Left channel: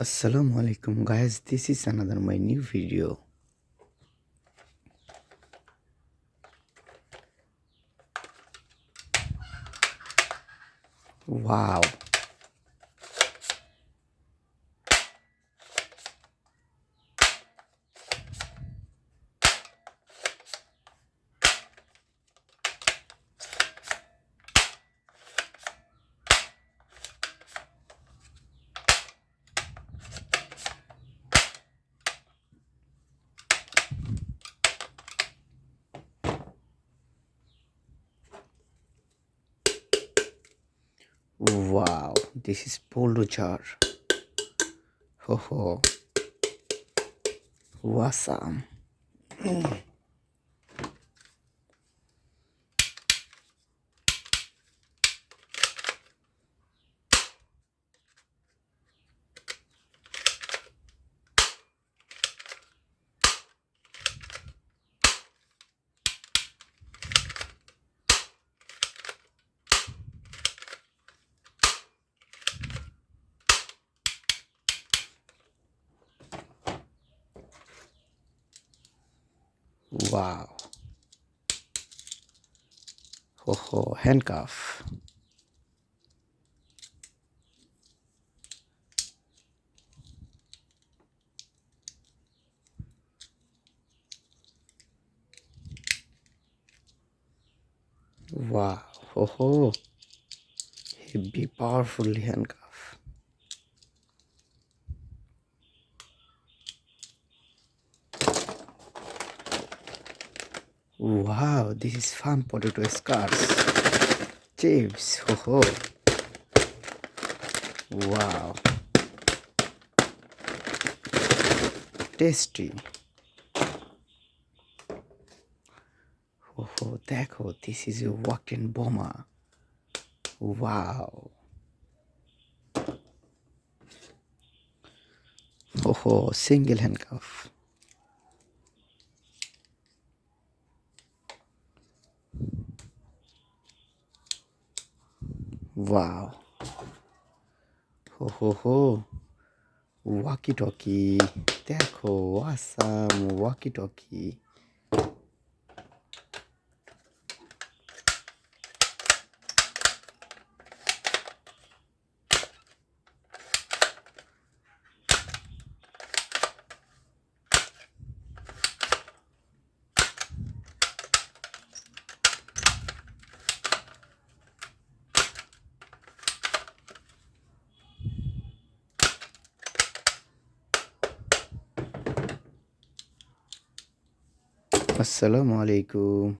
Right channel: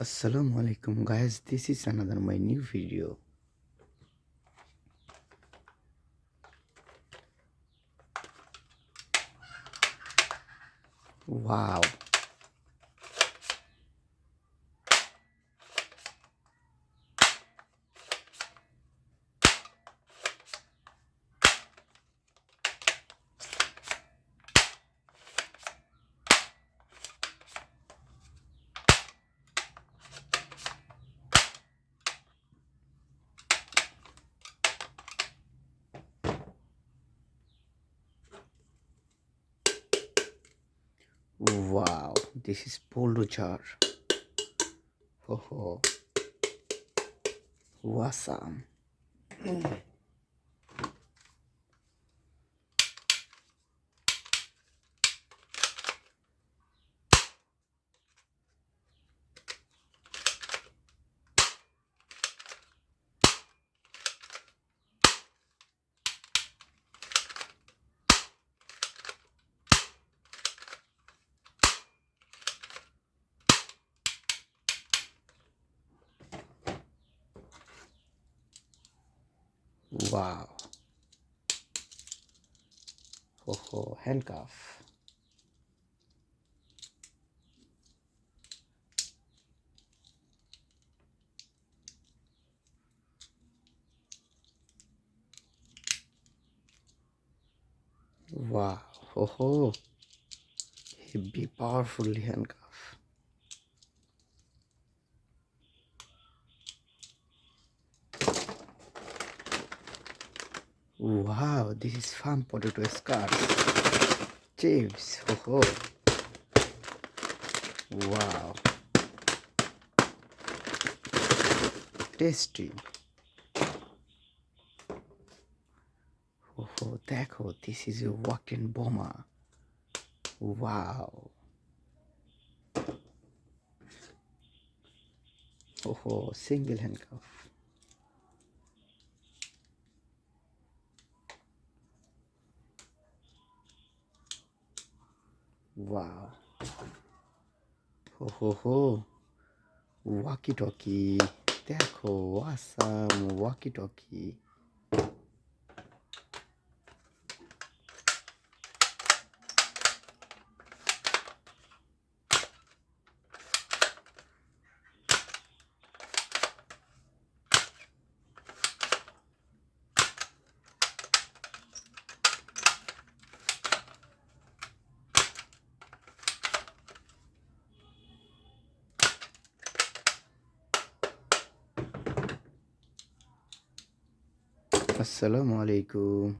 Assalamu alaikum guys, this is another my new video. Wow, wow, this is polo jar. Ho ho, awesome. Wow, ho ho, handcuff. Wow, ho ho, heavy, powerfully handcuff. Wow, this is farm potato scars. Chips, ho ho. Wow, tasty. Ho ho, দেখো, this is a walk-in bomber. Wow. Ho ho, single handcuff. Wow. Ho ho ho. Walkie talkie. দেখো, awesome walkie talkie. Assalamu alaikum.